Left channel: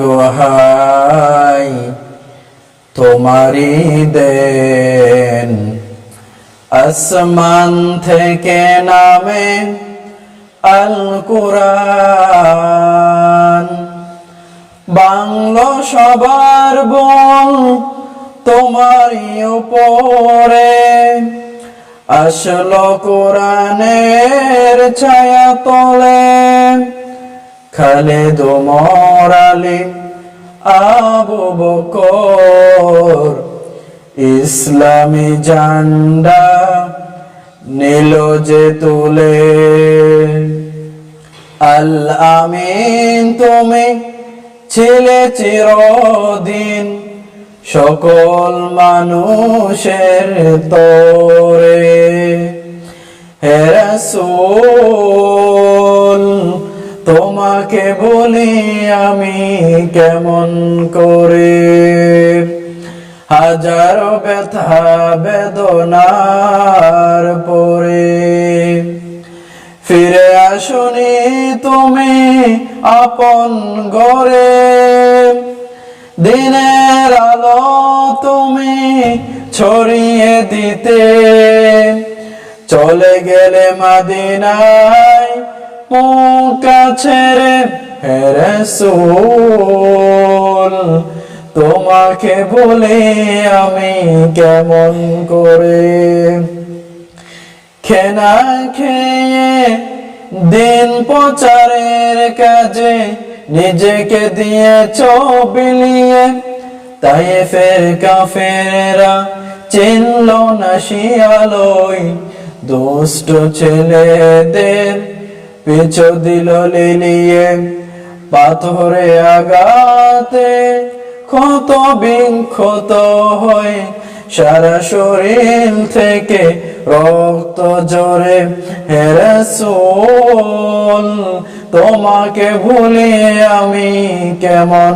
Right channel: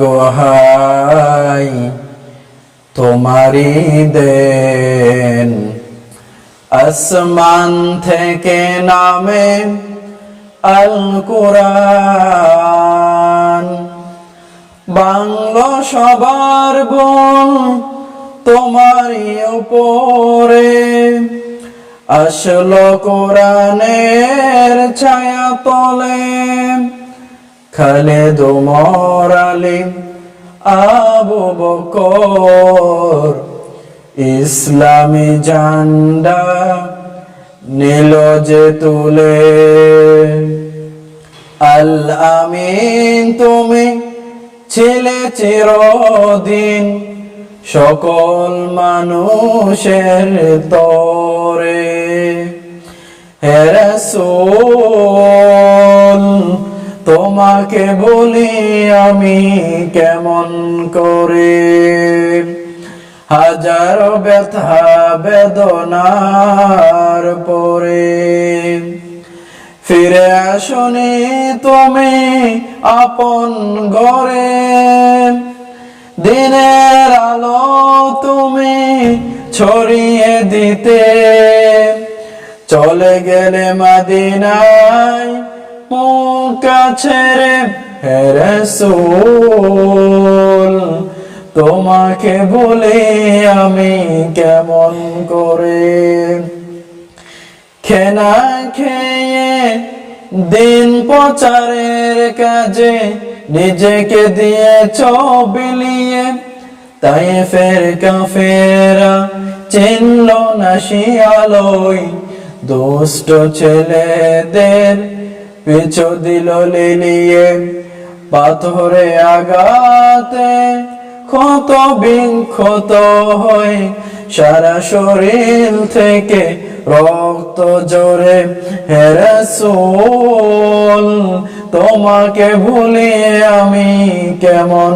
গোহাই তোমারি দেন, আসমান থেকে নামে আল কুরআন। বাংলো সবার বোন তোমারই উপরে, আসলো কোরআনের ছায়া তলে। খালেদ ওমর আলী আবু বকর ইসলামী ঝান্ডা নীল যে তুলে। আল আমিন তুমি ছিলে চিরদিন সকল মানুষের তরে। হে রাসূল তোমাকে বলি আমি কেমন করে, হাজারো ব্যথা বেদনার পরে। ফিরে আসুনি তুমি আপন ঘরে, দিনের আলো তুমি ছড়িয়ে দিতে। চলে গেলে মদিনায় মক্কা ছেড়ে। হে রাসূল তোমাকে বলে আমি কেমন করে, খেনা খেয়ে দিন প্রচারের কাজে নিজেকে দিয়েছ বিলিয়ে। তায়েফের কাফেররা চিনল না শিয়ালয়, দুষ্ট ছেলেদের পিছু দিল লিলিয়ে। পাথরে আঘাতে ক্ষত বিক্ষত হয়ে সারা শরীর থেকে রক্ত ঝরে। হে রাসূল তোমাকে ভুলে আমি কেমন